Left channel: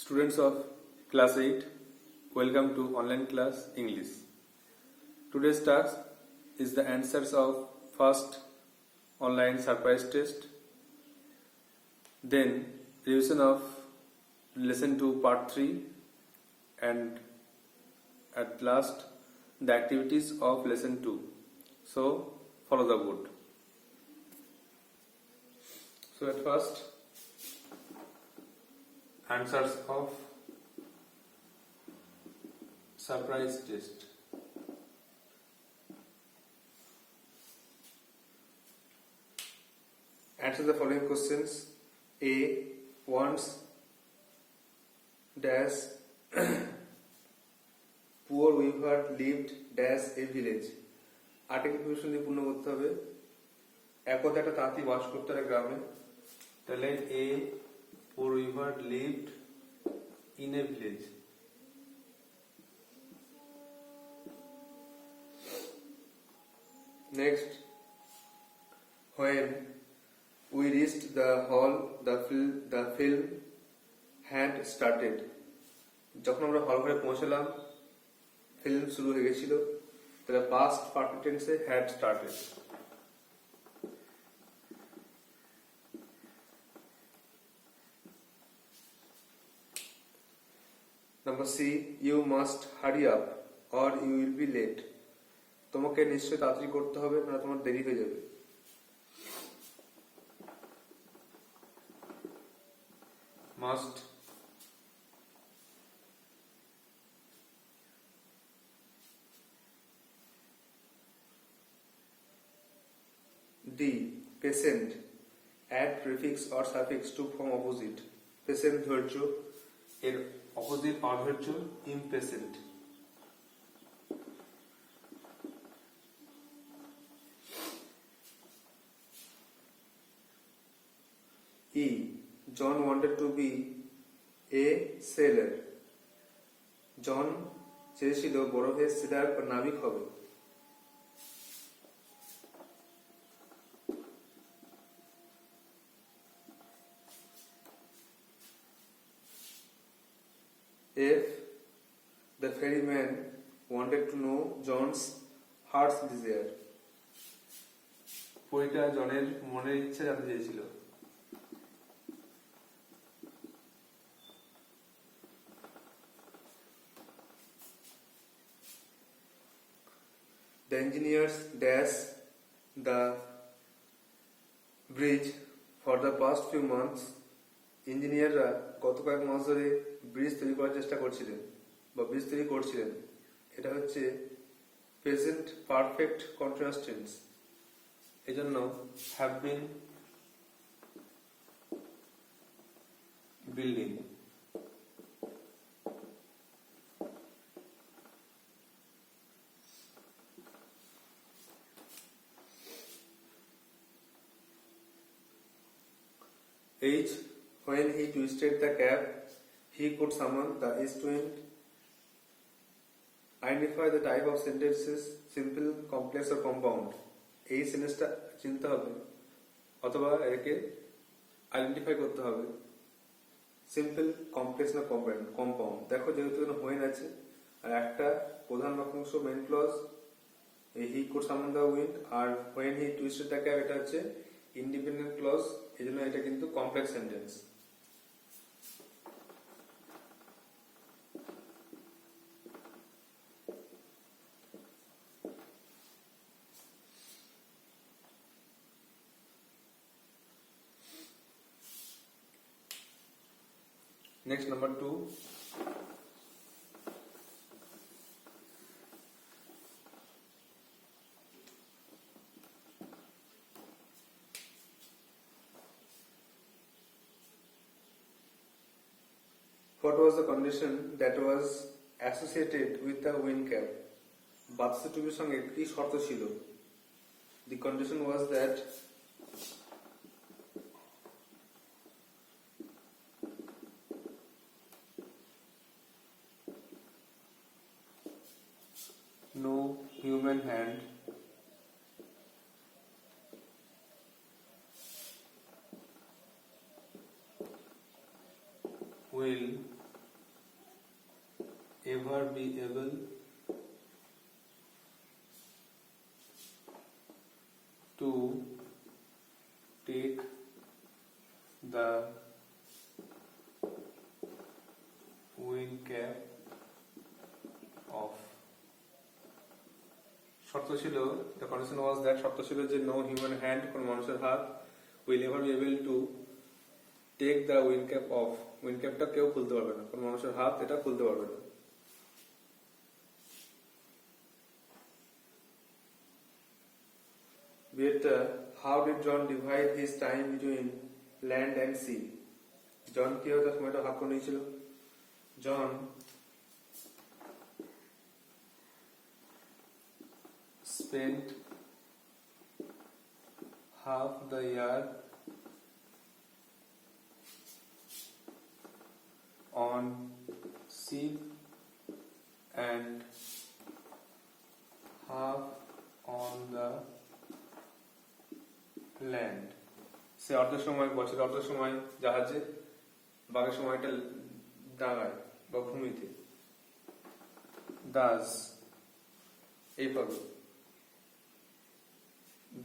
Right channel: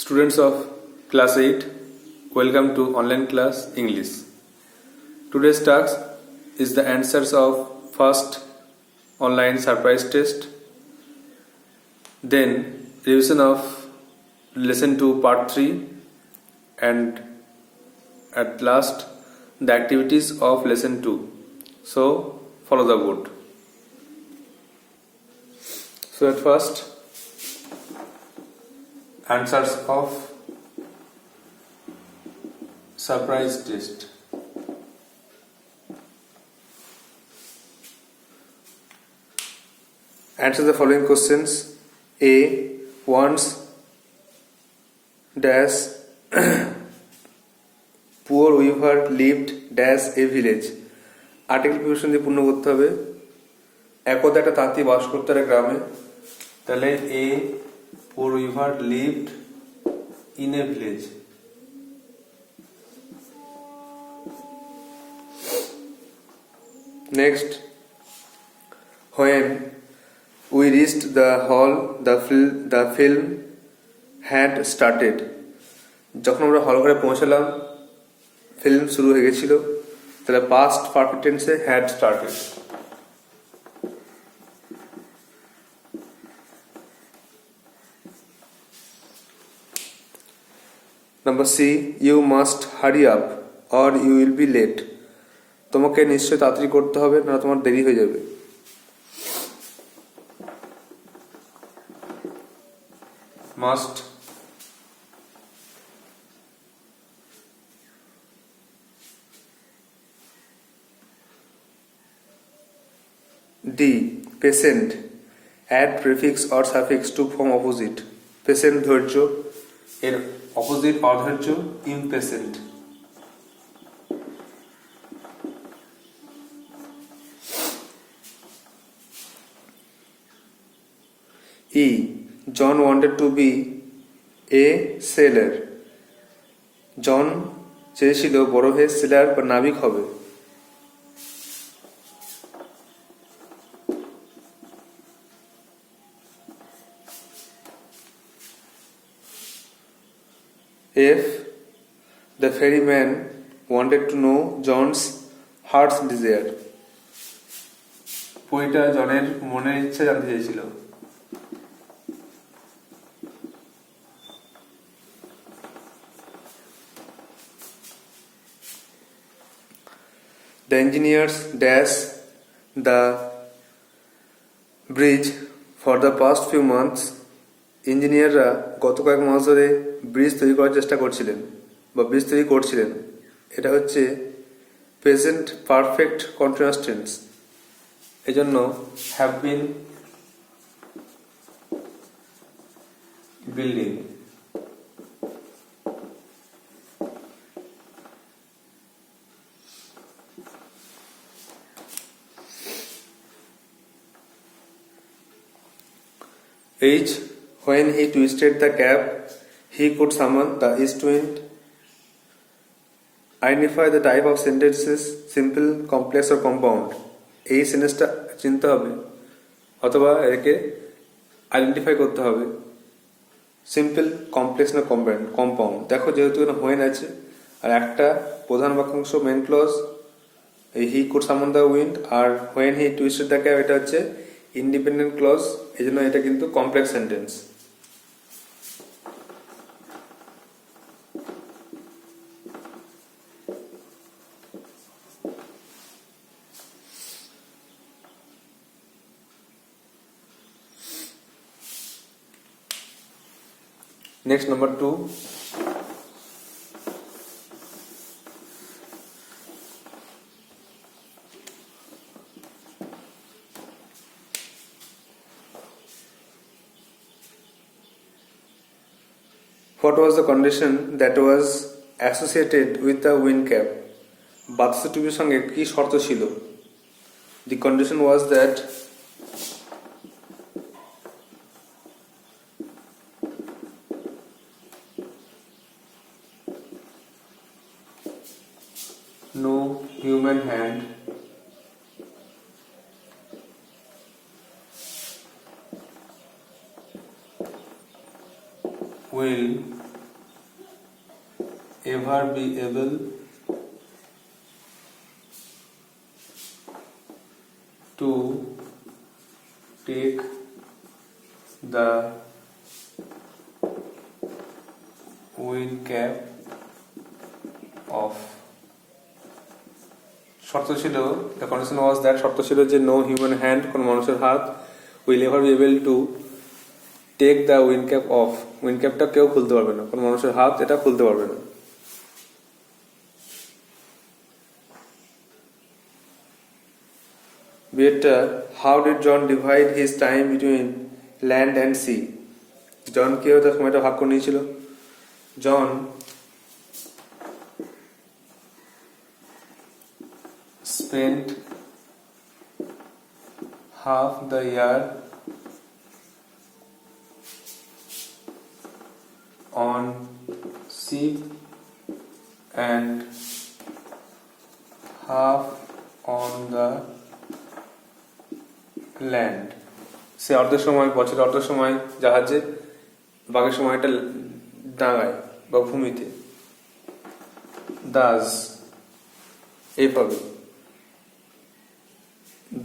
Students of class 8, welcome to online class English. Today's task is the answers of first online surprise test, then revision of lesson 2 part 3, and at last the activities of lesson 2. So follow the board. So at first, answers of surprise test. Answer the following questions. A. Once dash poor weaver lived dash a village. Article preposition দিয়ে পূর্ণ করতে হবে। একদা একটা তাঁতি বাস করতো একটা গ্রামে, তাহলে এ poor weaver lived in a village. Next, when we reached the hall, the film had started. যখন আমরা হল ঘরে পৌঁছালাম, ফিল্ম শুরু হয়ে গেছিল, তাহলে past perfect tense had started. Number C, you must hurry up or you will be late. তোমাকে নিশ্চয় তাড়াতাড়ি করতে হবে, না তোমার দেরি হয়ে যাবে। Must D, patient, add prefix or suffix to form opposite. Patient ধৈর্য, এর অপোজিট অধৈর্য impatient. E, John wanted to be a sailor. জন চেয়েছিল বড় হয়ে সেলার বা নাবিক হবে। F, the ferryman wanted to know John's heart's desire. পইটা জনের মনের ইচ্ছা জানতে চেয়েছিল। The engineers dash the bridge for the past few months. ইঞ্জিনিয়াররা গত কয়েক মাস ধরে ব্রিজ তৈরি করার চেষ্টা করছিলেন বা ব্রিজ তৈরি করছিলেন। এটা হচ্ছে প্রেজেন্ট পারফেক্ট কন্টিনিউয়াস টেন্স, এজন্য have been building. H, when he twisted the cap, he could summon the east wind. Identify the type of sentences, simple, complex or compound. এই সেন্টেন্সটা চিনতে হবে অথবা একে আইডেন্টিফাই করতে হবে, সিম্পল, কমপ্লেক্স না কম্পাউন্ড। দেখো যেহেতু এখানে হোয়েন আছে আর একটা প্রধান বাক্যাংশ মেন ক্লজ, এই he could summon the wind, আর when he twisted the cap এটা হচ্ছে ইন্ডিপেন্ডেন্ট ক্লজ, এই জন্য এটা কিন্তু complex sentence. Next, number 2. What was the condition that was associated with the wind cap? বাতাসের টুপির সঙ্গে কি শর্ত ছিল? The condition was that no human hand will ever be able to take the wind cap off. শর্ত ছিল, the condition was that শর্ত ছিল যে no human hand, কোন মানুষের হাত will ever be able to take the wind cap off. wind capটা কেউ খুলতে পারবে না, কোন মানুষের হাত এটা খুলতে পারবে না। Better, how did John divide his time between land and sea? জন কিভাবে তার সময়টা ভাগ করে নিয়েছিল? জন spent half the year on ship and half on the land. সে অর্ধ সময়, বছরের অর্ধ সময় জাহাজে, বাকি সময়টা ডাঙায় বা ভূমিতে। দাস এইভাবে,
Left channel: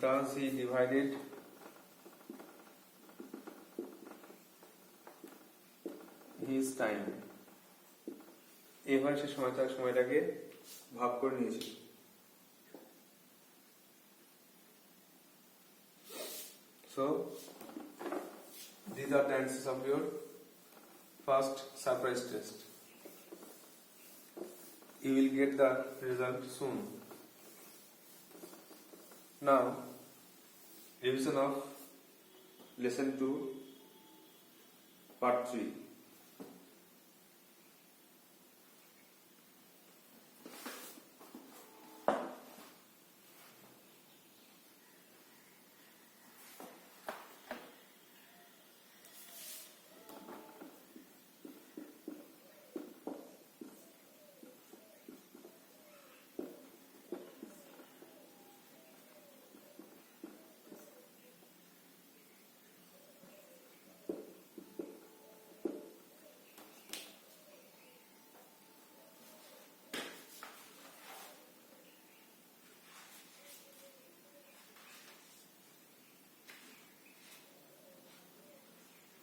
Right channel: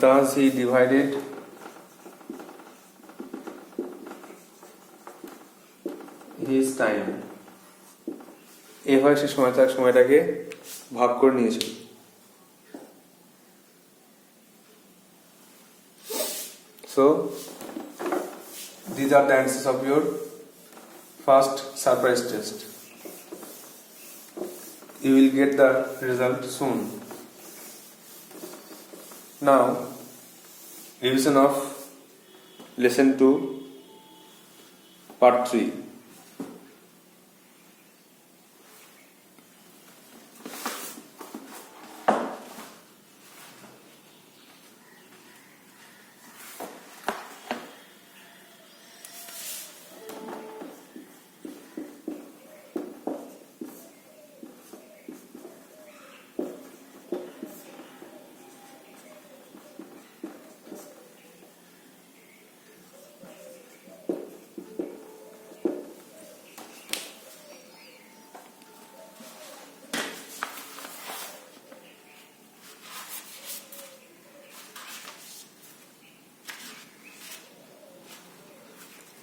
thus he divided his time. এভাবে সে সময়টাকে ভাগ করে নিয়েছিল। So these are the answers of your first surprise test. You will get the result soon. Now, revision of lesson 2, part 3.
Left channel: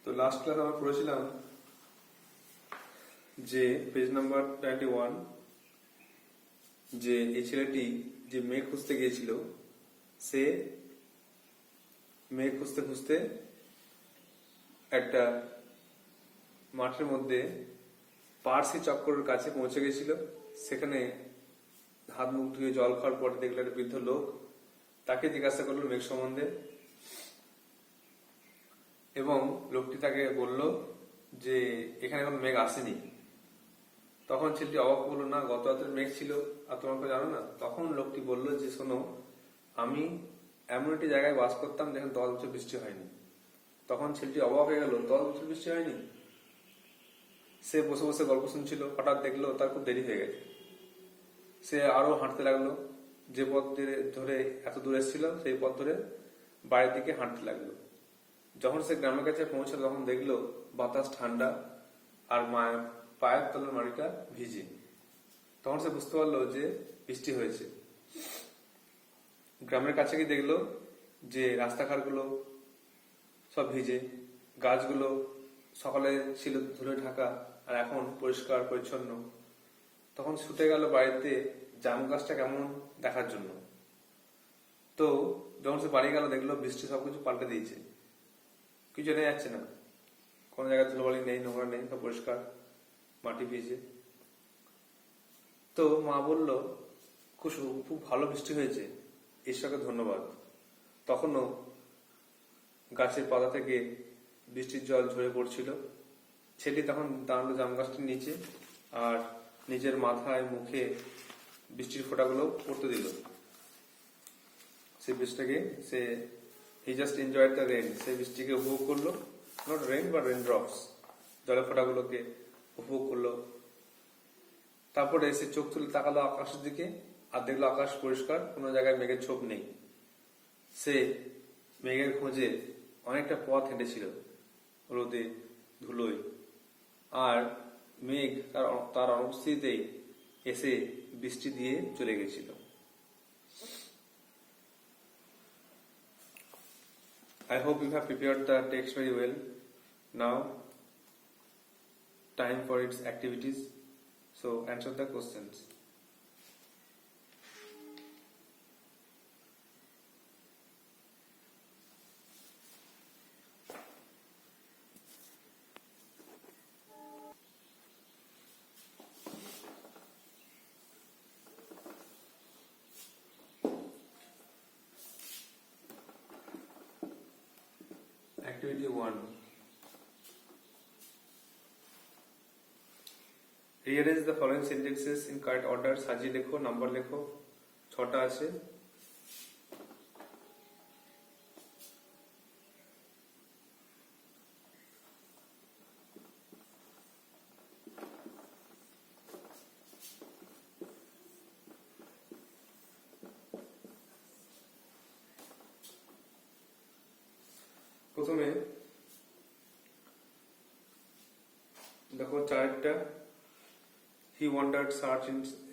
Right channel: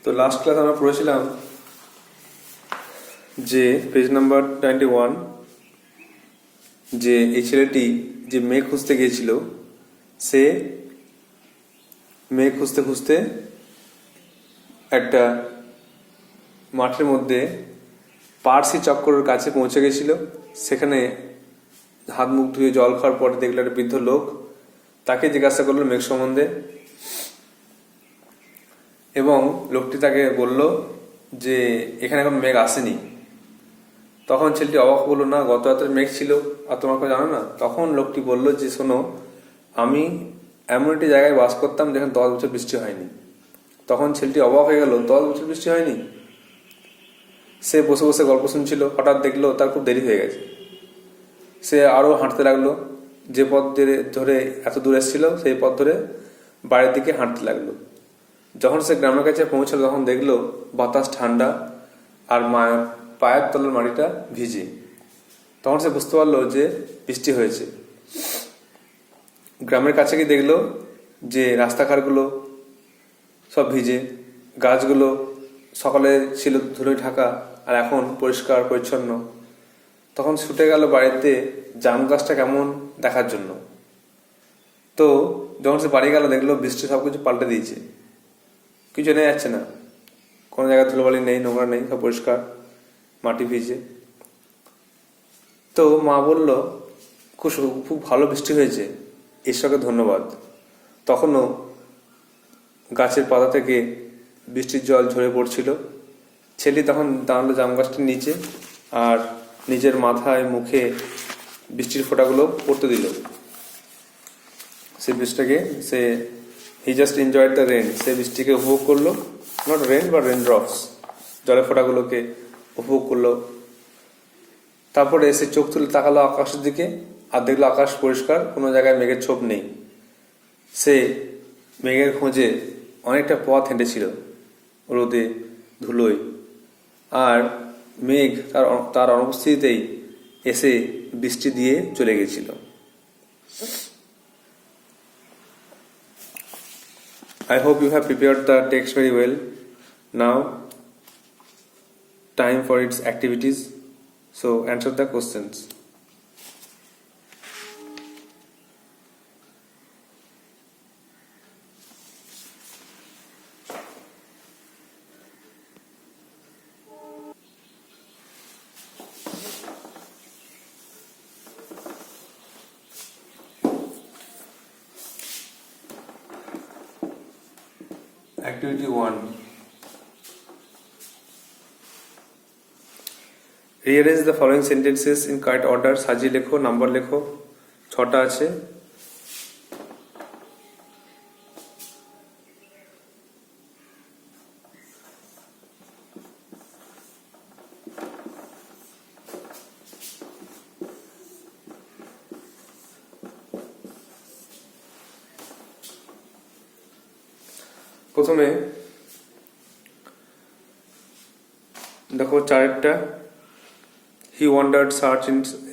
তো লাস্ট ক্লাস আমরা পড়েছিলাম যে পেজ নাম্বার 91, যে এই ছেলেটি যে মেয়ে খুঁজতে গিয়েছিল, সে মেয়ে খুঁজতে খুঁজতে একটা মাঠের মধ্যে পার্সি চক্করের কাছে পৌঁছে গেছিল। সেখানে হাত মুখ ধুয়ে জল খাওয়ার পরে দেখলো একটা বৃদ্ধ লোক, তাকে জিজ্ঞাসা করলো মেঘ সম্বন্ধে, এবং লোকটি তাকে বলল যে এখানে এখন মেঘ আসেনি। তখন ছেলেটি অবাক বললো, না গত রাতে মেঘ ছিল আর তোমাকে জানো না? তখন লোকটি বলল যে শোনো, আমি এমন একটি জায়গায় বাস করতাম যেখানে 10 বছর বৃষ্টি হয়নি। তখন ছেলেটি অবাক হয়ে গেল, 10 বছর বৃষ্টি হয়নি? সে বসে বসে গল্প শুনছিল, হঠাৎ দেখলো তার খুব দেরি হয়ে গেছে। সে আরো হাঁটতে লাগলো, যে পথ ধরে এত দূর এসেছিল সেই পথ ধরে বাড়ির দিকে হাঁটতে লাগলো। যখন সে গ্রামের কাছে পৌঁছালো তখন দেখলো বাতাস ঠান্ডা আর পায়ের তলার মাটিটা ভিজে। তখন সে বুঝতে পারলো যে বৃষ্টি হয়েছে। গ্রামের কাছে গিয়ে দেখলো যে রাস্তাঘাটগুলো সব ভিজে, গাছগুলো সকালে ছিল ধুলোয় ঢাকা আর এখন পরিষ্কার পরিচ্ছন্ন। তখন ছুটে গেল বাড়িতে জাম গাছটা কেমন দেখার জন্য। তো যখন সে বাড়ি গেল দেখলো বৃষ্টি সবকিছু পাল্টে দিয়েছে, কিছু নেই যাচ্ছে না, কোনো জায়গায় ধুলোবালি নেই, নোংরা নেই, সব পরিষ্কার, মাটি ভিজে। তো মা বলল খুব ভালো বৃষ্টি হয়েছে, ঈশ্বরকে ধন্যবাদ। তখনও গাছের পাতা থেকে বৃষ্টির জল ঝরে পড়ছিল। ছেলে তখন দাঁড়ালো জাম গাছটির নিচে আর নিজের মাথায় মুখে বৃষ্টির ফোঁটাগুলো পড়তে দিল। সে বৃষ্টিটাকে he just enjoyed the rain, সে বৃষ্টিকে উপভোগ করলো, নট রেন বা রেন ড্রপস, জলের ফোঁটাগুলোকে উপভোগ করলো। তারপরে সে চোখ তুলে তাকালো আকাশের দিকে আর দেখলো আকাশ পরিষ্কার, কোনো জায়গায় মেঘের ছোপ নেই। সে মেঘের খোঁজে অনেকটা পথ হেঁটেছিল রোদে ধুলোয়, আর মেঘ তার অনুপস্থিতিতেই এসে বৃষ্টি দিয়ে চলে গেছিল। I hope you have prepared the text very well. Now, time for its activities. So, answer the questions. Activity 1. Rearrange the following sentences in correct order. সাজিয়ে লেখো, নাম্বার লেখো, 6টা আছে। প্রথমে দেখো 4টা, he wandered search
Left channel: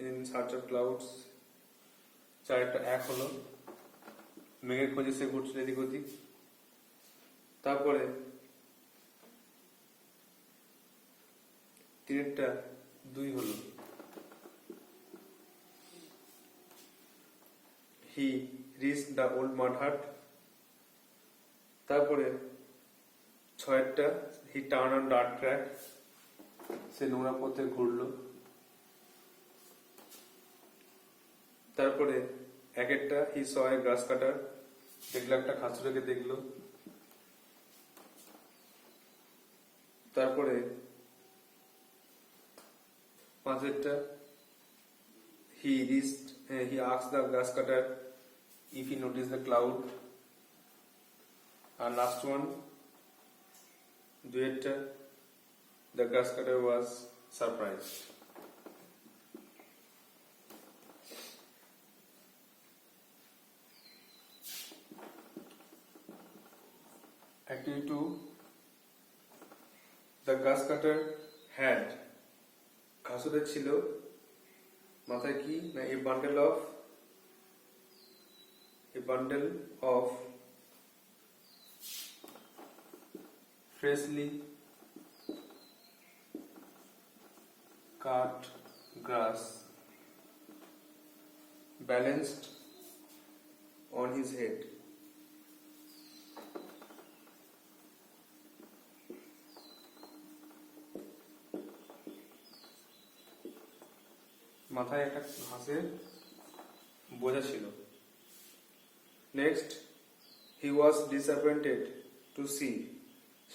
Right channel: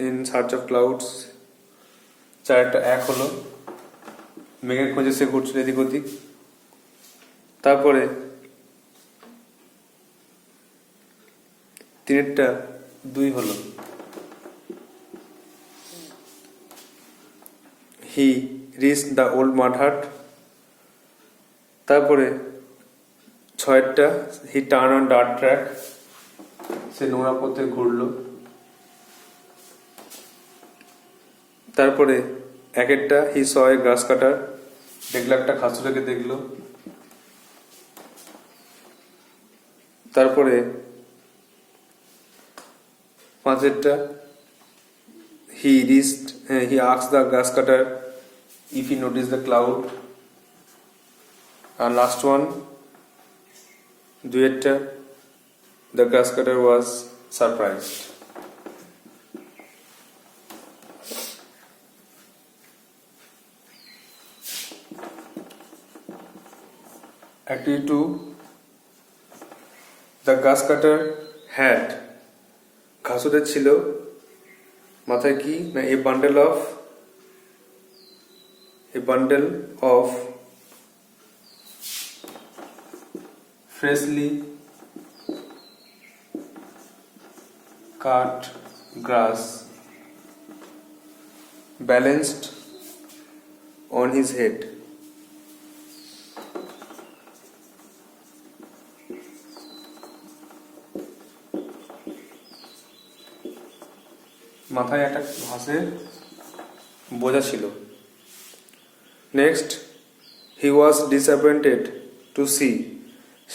in search of clouds, 4টা 1 হলো, মেঘের খোঁজে সে ঘুরছিল এদিক ওদিক। তারপরে 3টা 2 হলো, he reach the old mud hut. তারপরে 6টা, he turn on dirt track, সে নোংরা পথে ঘুরলো। তারপরে 1টা, হি স এ গ্রাস কাটার, দেখলো একটা খাসুরাকে দেখলো। তারপরে 5টা, he asked the grass cutter if he notice the cloud. আর লাস্ট ওয়ান 2টা, the grass cutter was surprised. Activity 2. The grass cutter had, ঘাসুরের ছিল মাথায় কি না, a bundle of freshly cut grass balanced on his head. মাথায় একটা ঘাসের বোঝা ছিল। Next, he was disappointed to see,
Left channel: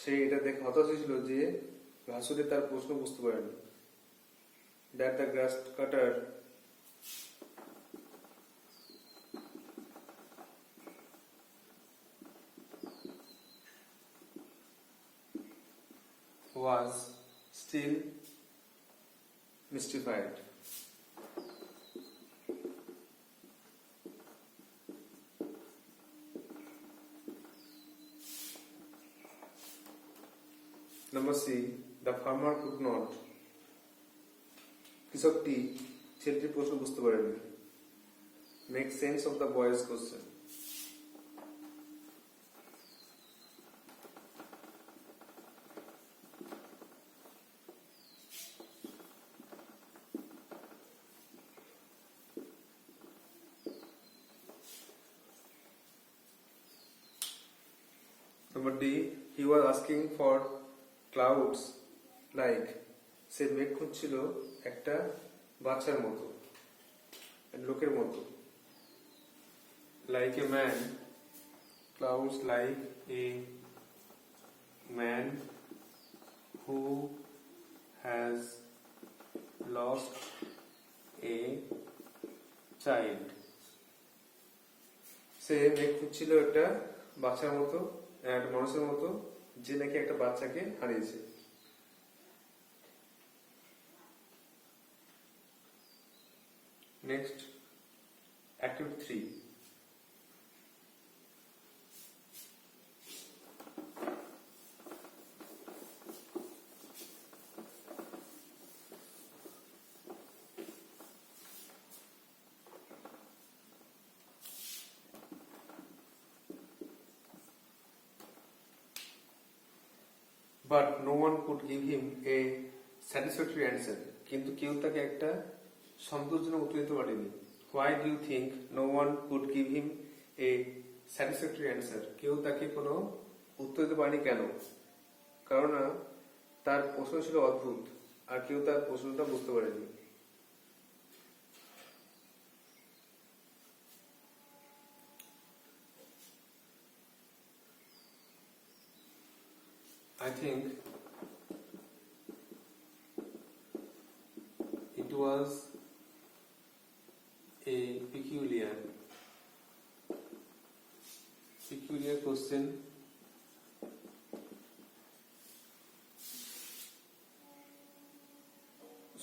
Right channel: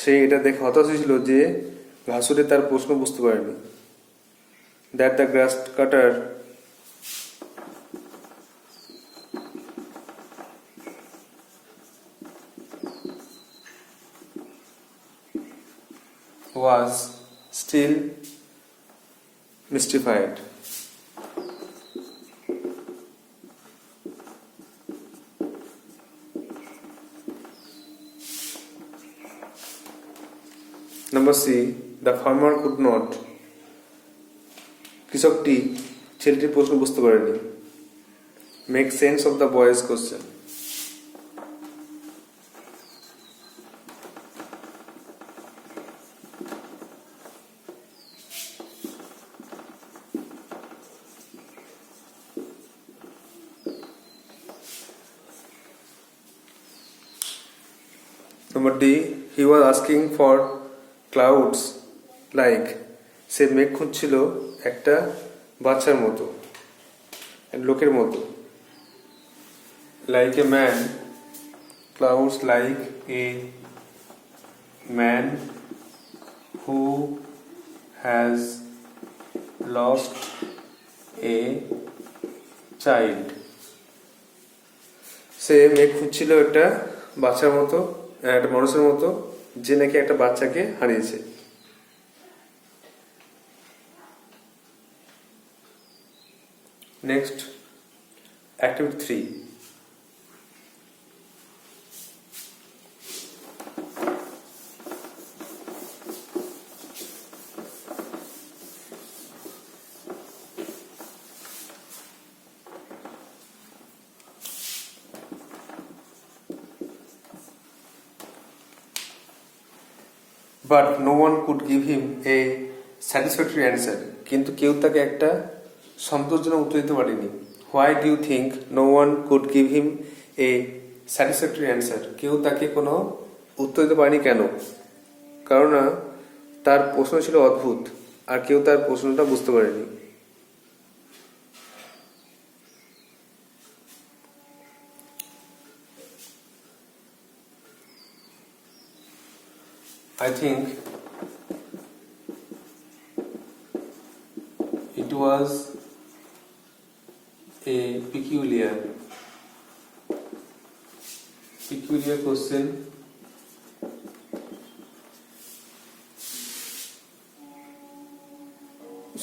সে এটা দেখে হতাশ হয়েছিল যে ঘাসুরে তার প্রশ্ন বুঝতে পারেনি। that the grass cutter was still mystified. Number C, the farmer could not, কৃষকটি ছেলেটির প্রশ্ন বুঝতে পারেনি। Make sense of the boys question. Number D, he was asking for clouds like, সে মেঘ খুঁজছিল একটা বাচ্চার মতো, লোকের মতো। Like a man, clouds like a man who has lost a child. সে মেঘ খুঁজছিল একটা বাচ্চার মতো, একটা মানুষের মতো যে নাকি একটা বাচ্চাকে হারিয়েছে। Next, activity 3. But no one could give him a satisfactory answer, কিন্তু কেউ তাকে একটা সন্তোষজনক উত্তর দিতে পারেনি। Why do you think no one could give him a satisfactory answer? কেউ তাকে কোনো উত্তর দিতে পারেনি কেন? কারণ তার প্রশ্ন ছিল অদ্ভুত আর কেউ তার প্রশ্নটা বুঝতে পারেনি। I think it was a peculiar question.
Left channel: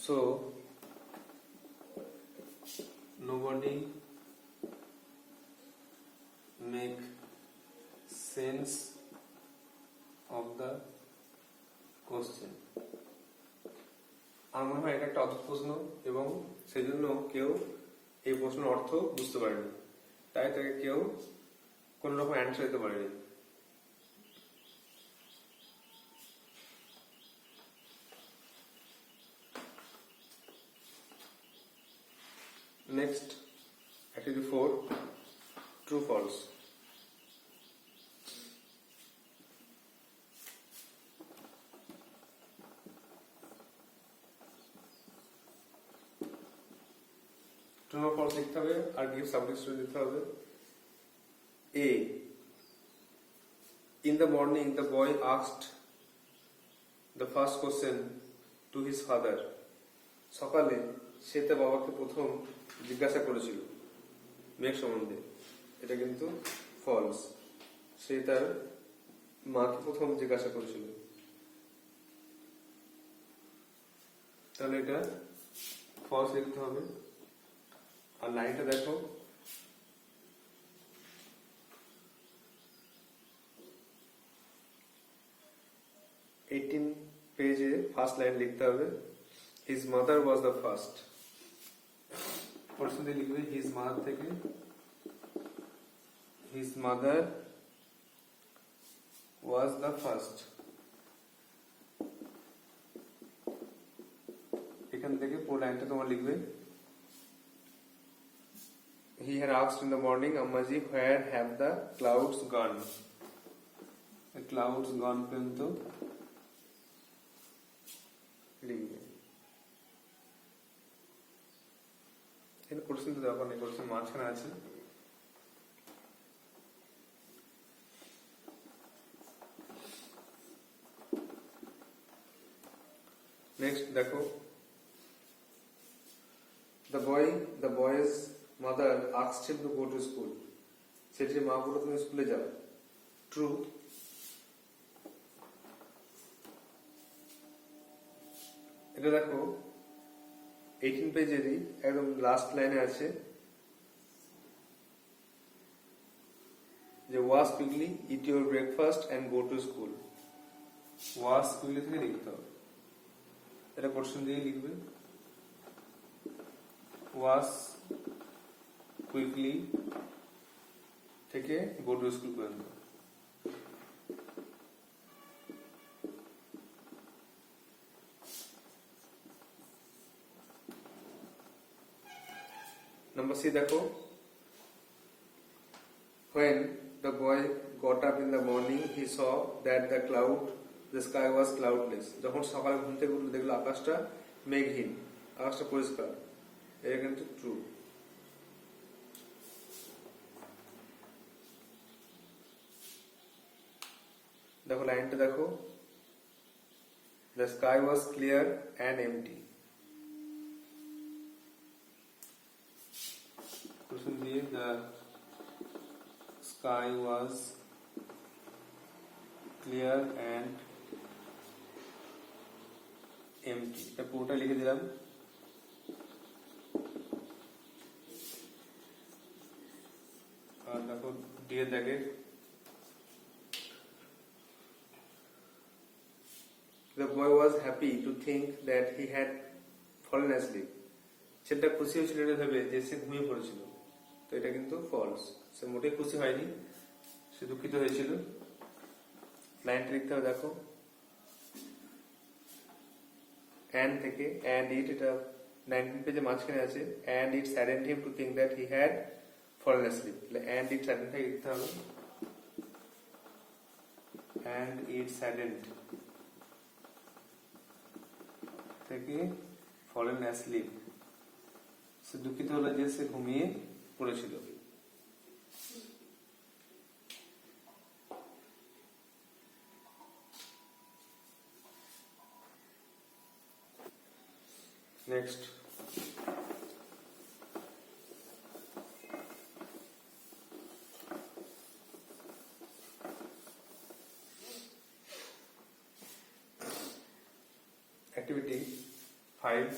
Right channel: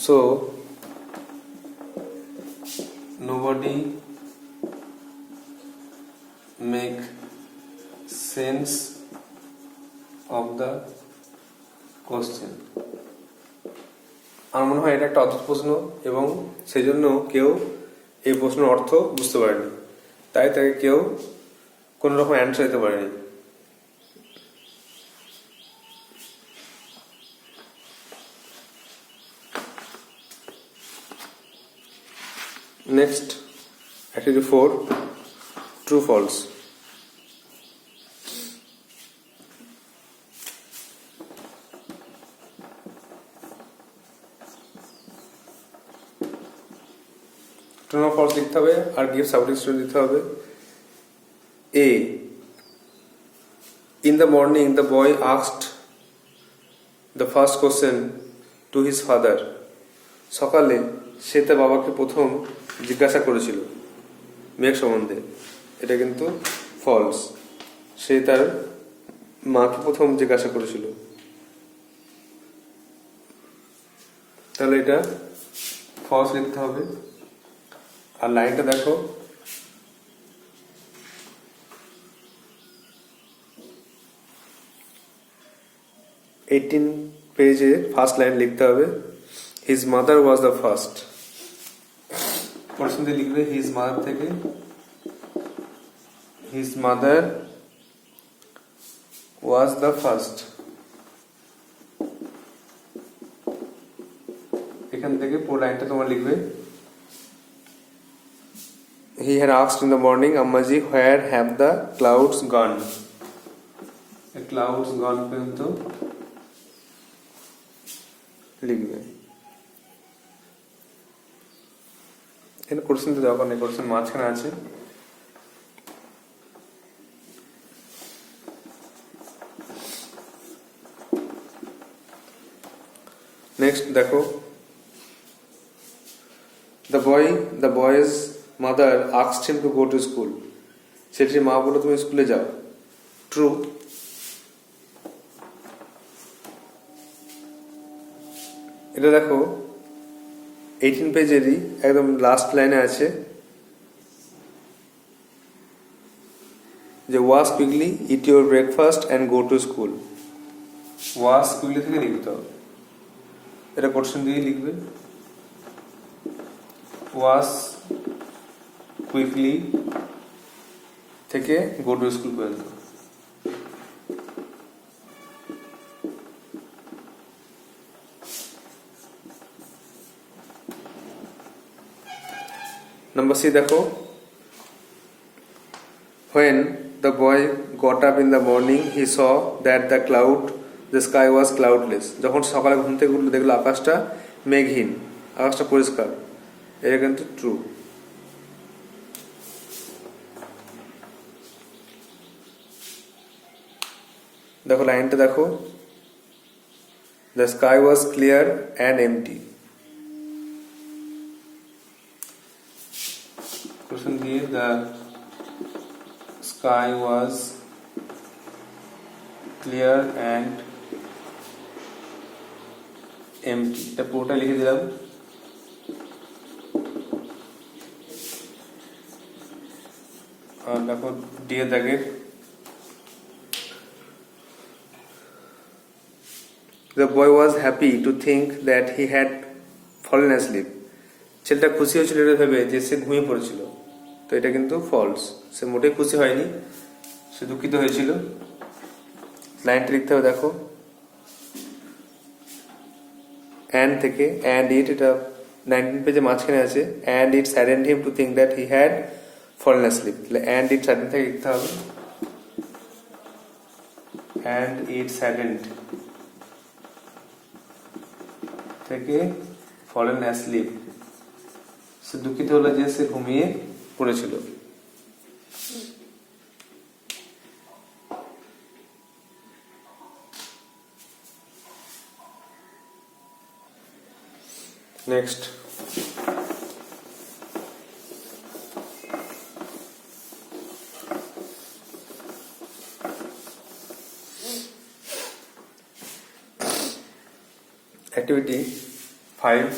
So nobody make sense of the question. আমার মনে হয় এটা একটা অদ্ভুত প্রশ্ন এবং সেই জন্য কেউ এই প্রশ্নের অর্থ বুঝতে পারেনি, তাই তাকে কেউ কোনো রকম অ্যান্সার দিতে পারেনি। Next activity 4, true false. True না ফলস লিখতে হবে আর গিভ সাবজেক্ট দিতে হবে। এ, in the morning the boy asked the first question to his father. সকালে সে তার বাবাকে প্রথম জিজ্ঞাসা করেছিল মেঘ সম্বন্ধে। এটা কিন্তু ফলস, সে তার মাকে প্রথম জিজ্ঞাসা করেছিল, তাহলে এটা ফলস লিখতে হবে। আর লাইনটা দেখো, এইটিন পেজে ফার্স্ট লাইন লিখতে হবে, his mother was the first. প্রশ্ন দিয়ে লিখবে হিজ মাদার থেকে, his mother was the first. এখান থেকে পুরো লাইনটা তোমার লিখবে। He had asked in the morning, Ammaji, where have the clouds gone? The clouds gone পর্যন্ত লিখবে। এখানে কোশ্চেন তো দরকার নেই, কোশ্চেন মাঝখানে আছে। নেক্সট দেখো, the boy's mother asked him to go to school. সেটির মা বলল তুমি স্কুলে যাও। ট্রু। এটা দেখো 18 পেজেরই একদম লাস্ট লাইনে আছে যে wash quickly, it your breakfast and go to school. Wash quickly থেকে লিখতে হবে, এটা কোশ্চেন দিয়ে লিখবে। ওয়াশ কুইকলি থেকে গো টু স্কুল পর্যন্ত। নাম্বার সি দেখো, when the boy got up in the morning he saw that the sky was cloudless. যখন সকালে ঘুম থেকে উঠলো দেখলো আকাশটা মেঘহীন, আকাশটা পরিষ্কার। এটা কিন্তু ট্রু। দেখো লাইনটা দেখো, the sky was clear and empty. Question দিয়ে the sky was clear and empty, এটা পুরোটা লিখে দিলাম। আর দেখো দিয়ে থাকে the boy was happy to think that he had fallen asleep. ছেলেটা খুশি হয়েছিল এটা ভেবে যে সে ঘুমিয়ে পড়েছিল, তো এটা কিন্তু ফলস। সে মোটেই খুশি হয়নি, সে দুঃখিত হয়েছিল। লাইনটা লিখতে হবে দেখো, অ্যান্ড থেকে অ্যান্ড ইট, এটা 19 পেজে মাঝখানে আছে। And it saddened him to think that he had fallen asleep, তাহলে অ্যান্ড ইট স্যাডেন্ড থেকে লিখতে হবে। অ্যান্ড ইট স্যাডেন্ড থেকে ফলেন অ্যাসলিপ, সে দুঃখিত হলো যে সে ঘুমিয়ে পড়েছিল। Next, activity 5,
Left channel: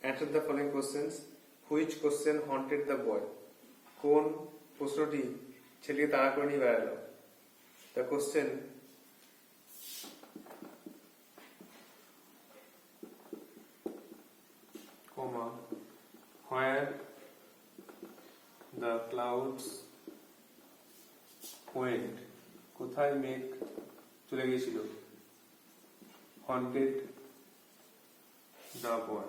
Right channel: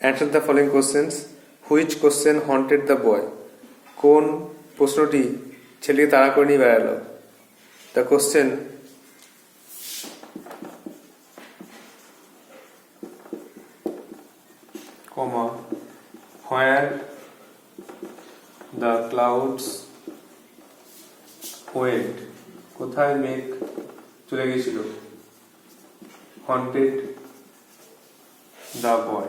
answer the following questions. Which question haunted the boy? কোন প্রশ্নটি ছেলেকে তাড়া করে নিয়ে বেড়ালো? The question, where the clouds went, কোথায় মেঘ চলে গেছিল? Haunted the boy.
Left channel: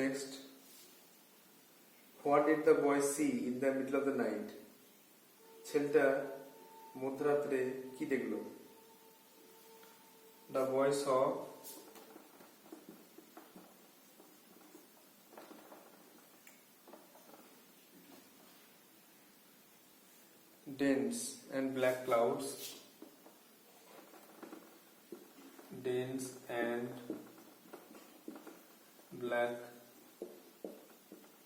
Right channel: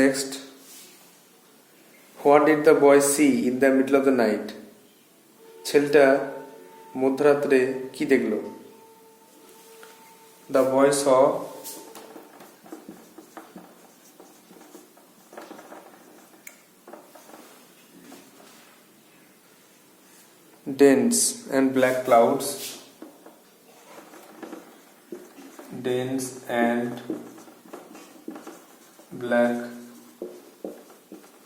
Next, what did the boy see in the middle of the night? ছেলেটা মধ্যরাত্রে কি দেখলো? The boy saw dense and black clouds, dense and black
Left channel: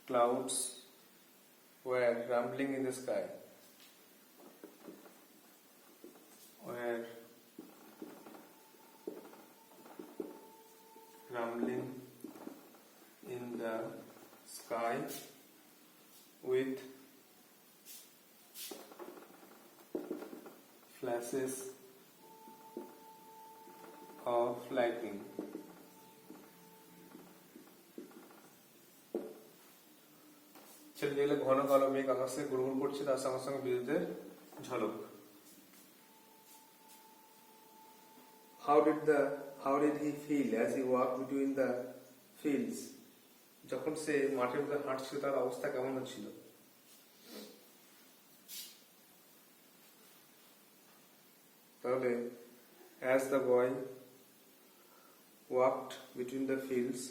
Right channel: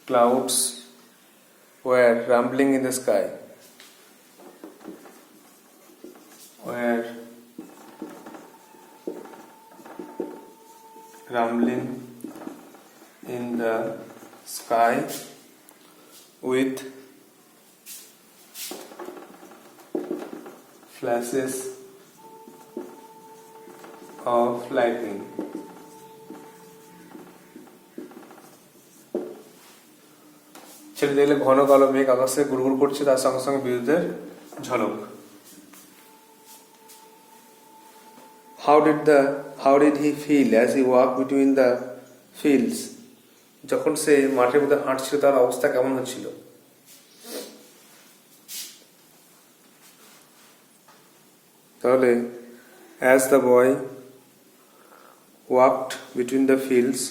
clouds were rumbling in the sky, were rumbling in the sky with flashes of lightning. ছেলে দেখলে ঘন কালো মেঘ আকাশে গুড়গুড় করছে, তার সঙ্গে সঙ্গে বিদ্যুতের ঝলক। How did he feel as he walked between the fields? যখন সে মাঠের মধ্যে হাঁটছিল তার অবস্থা কেমন হচ্ছিল? তাহলে as the boy walked between the fields,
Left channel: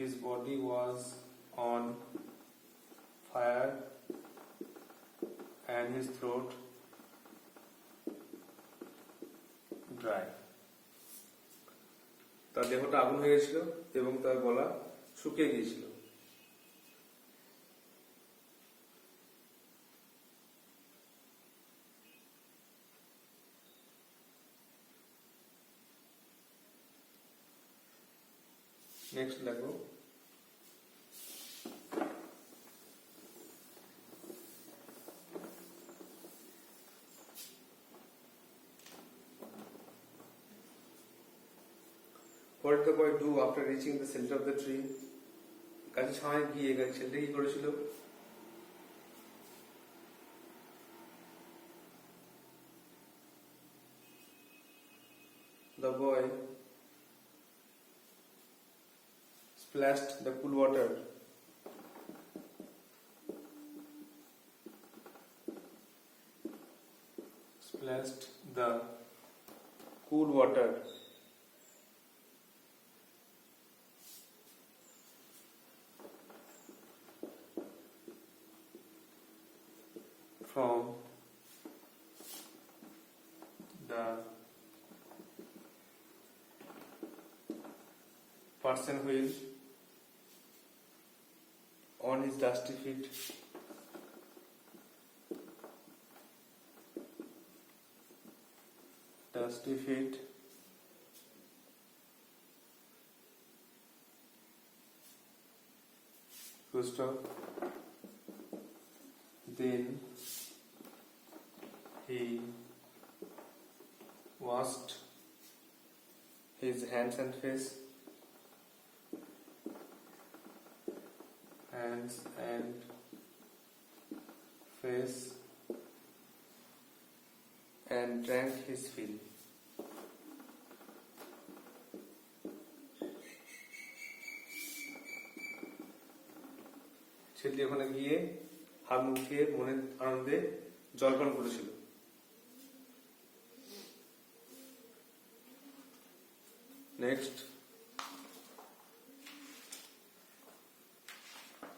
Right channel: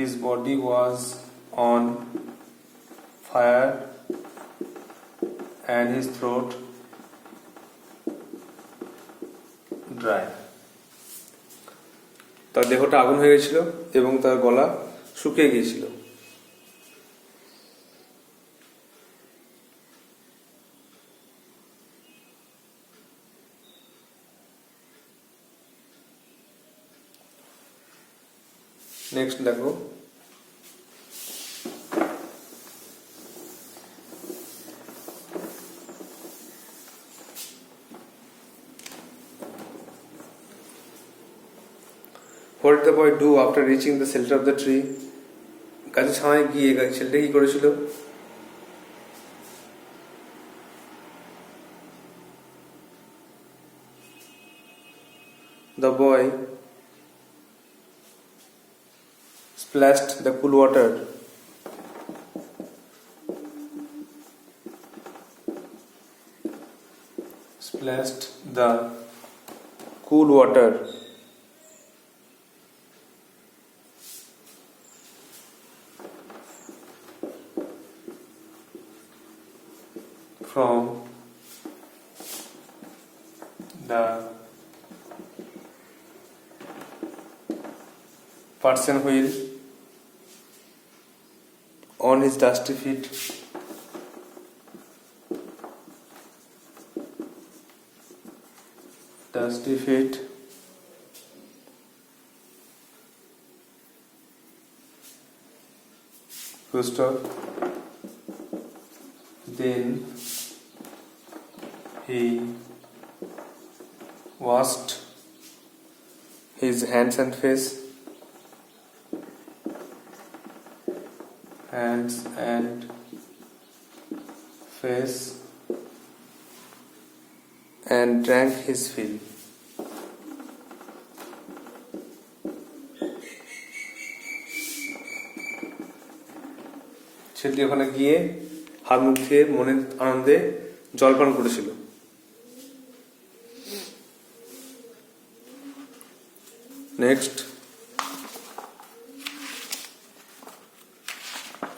his body was on fire and his throat dry. তার দেহটা আগুন হয়ে গেছিল এবং তার গলা শুকিয়ে গিয়েছিল। নেক্সট দেখো, what did the boy do after reaching the shelter of the tree? গাছের ছায়ায় গিয়ে ছেলেটা কি করেছিল? The boy splashed the cool water from the person wheel on his dusty feet. dusty feet, Gustav. Then he washed his hands and face, and drank his fill. ছেলেটি ওখানে গিয়ে হাত মুখ ধুয়ে মনের আনন্দে জলপান করেছিল। Next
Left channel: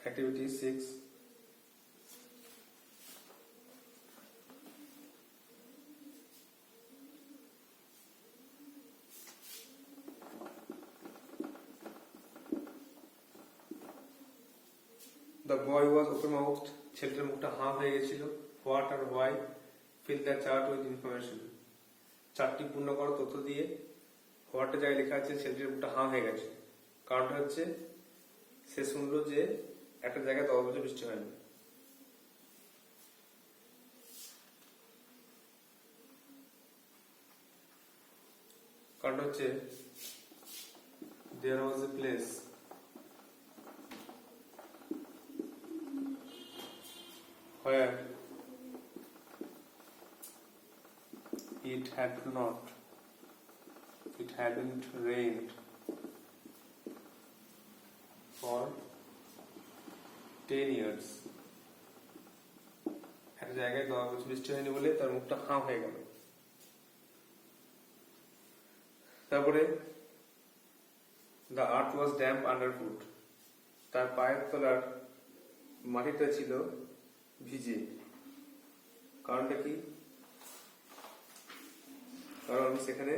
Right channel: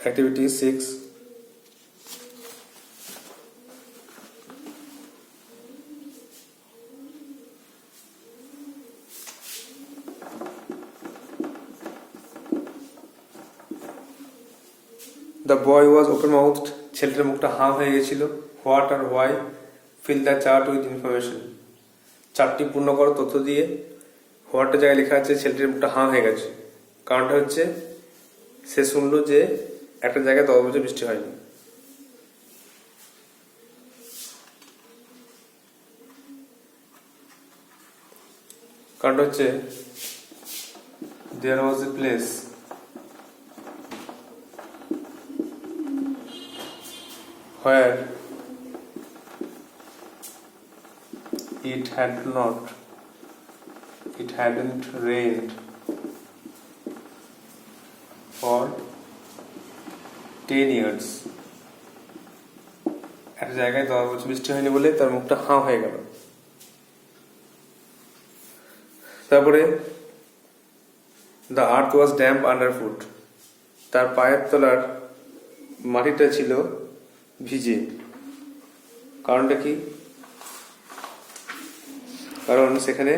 activity 6. The boy was open mouthed. ছেলেটার মুখটা হাঁ হয়ে গেছিল। What or why? Fill the chart with information. চারটি পূর্ণ করো তথ্য দিয়ে। হোয়াটটা জায়গায় লেখা আছে ছেলেটির মুখটা হাঁ হয়ে গেছে, কারণটা হচ্ছে সে শুনলো যে একটা জায়গায় 10 বছর বৃষ্টি হয়নি। কারণটা হচ্ছে there was a place where it hadn't rained for 10 years. একটা জায়গায় 10 বছর বৃষ্টি হয়নি বলে তার মুখটা হাঁ হয়ে গেল। তারপরে the earth was damp underfoot. তার পায়ের তলার মাটিটা ছিল ভিজে। কারণটা কি? কারণ সেখানে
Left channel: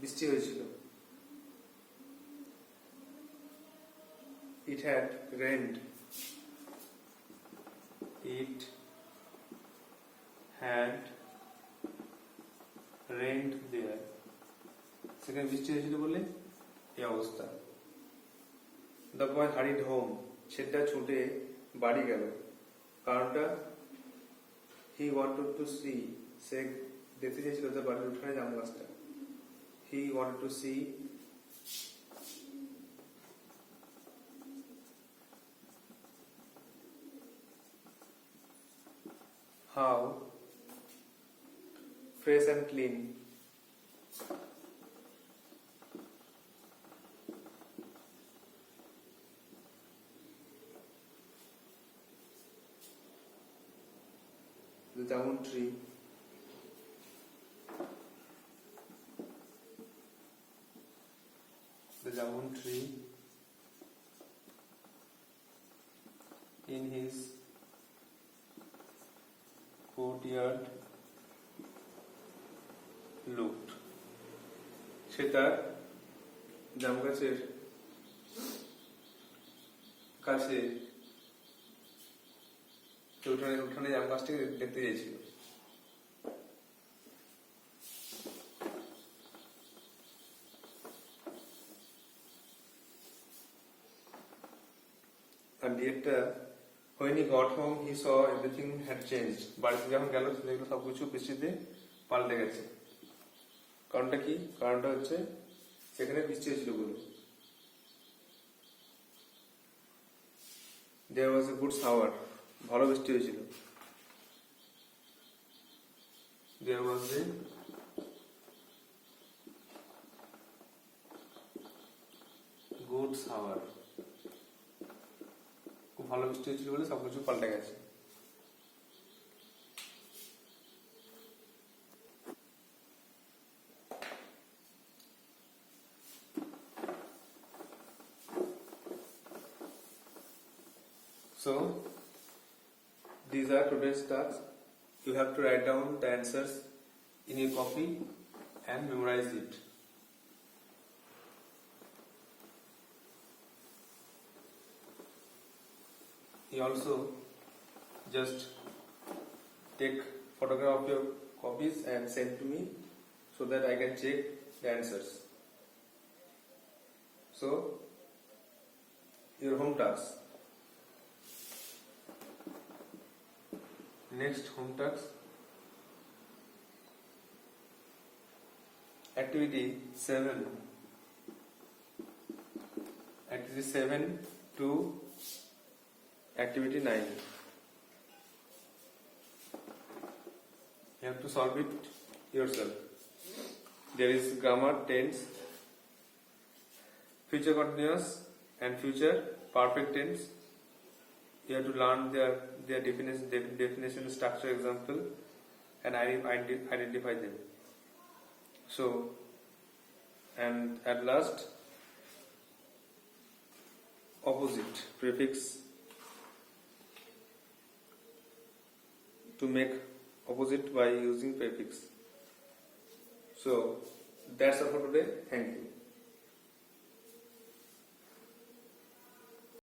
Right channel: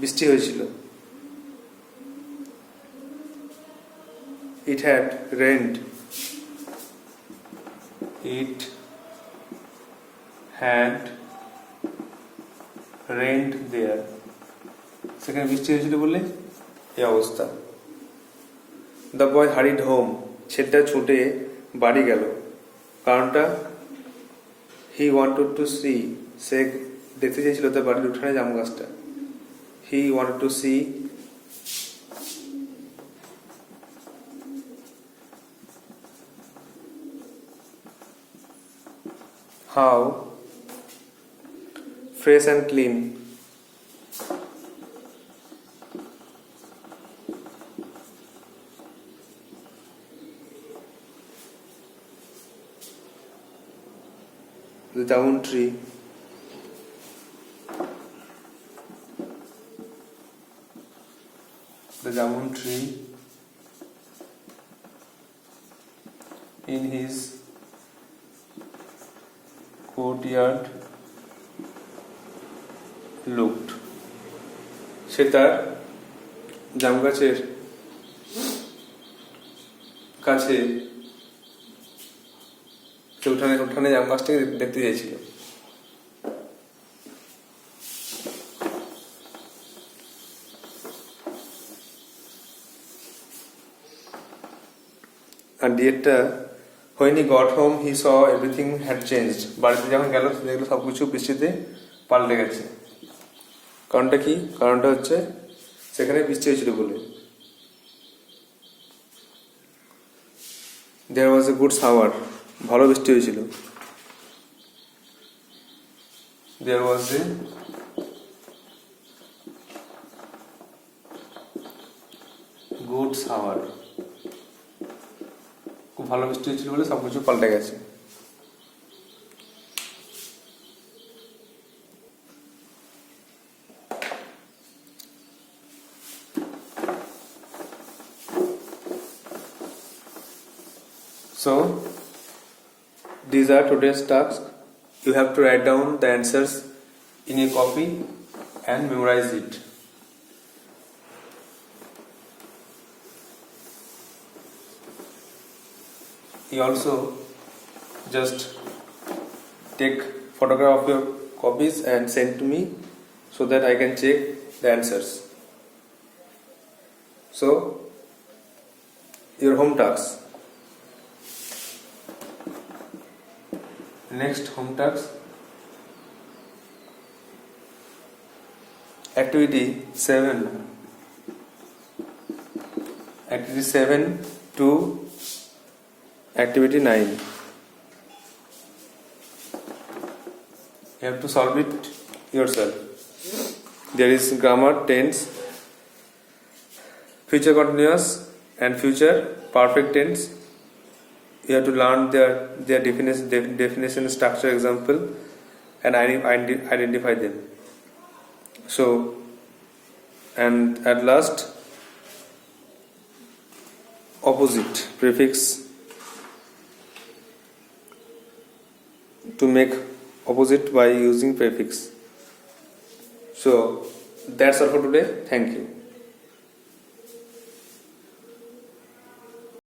বৃষ্টি হয়েছিল। It had rained there. সেখানে বৃষ্টি হয়েছিল বলে এই অবস্থা। The boy hurried home. ছেলেটা ছুটে বাড়ি গেল। কারণটা he wanted to see. সে দেখতে চেয়েছিল তার বাড়ির উঠানে জাম গাছটা। He wanted to see how fresh and clean the jamun tree in his courtyard looked. সে তার জাম গাছের কাছে উঠানে জাম গাছটাকে দেখতে চেয়েছিল। আর ডিয়েটটা when he got home he saw everything had changed. বাড়িতে যখন গেল দেখলো সবকিছু বৃষ্টিতে পাল্টে গেছে। কারণটা কি? কারণটা হচ্ছে সেখানে বৃষ্টি হয়েছিল বলে। there was a good shower. ভালো বৃষ্টি হয়েছিল। there was a good shower. খুব ভালো বৃষ্টি হয়েছিল বলে সবকিছু পাল্টে গেছে। So these are today's tasks. You have to write down the answers in a copy and memorize it. You also just take photograph of your copies and send to me so that I can check the answers. So your home task. Next home task. Activity 7. Activity 7 to Activity 9. You have to solve it yourself. There is grammar, tense, future continuous and future perfect tense. You have to learn their definition, structure, example, and identify them. So, and at last, opposite prefix, to make opposite by using prefix. So that's all for today. Thank you.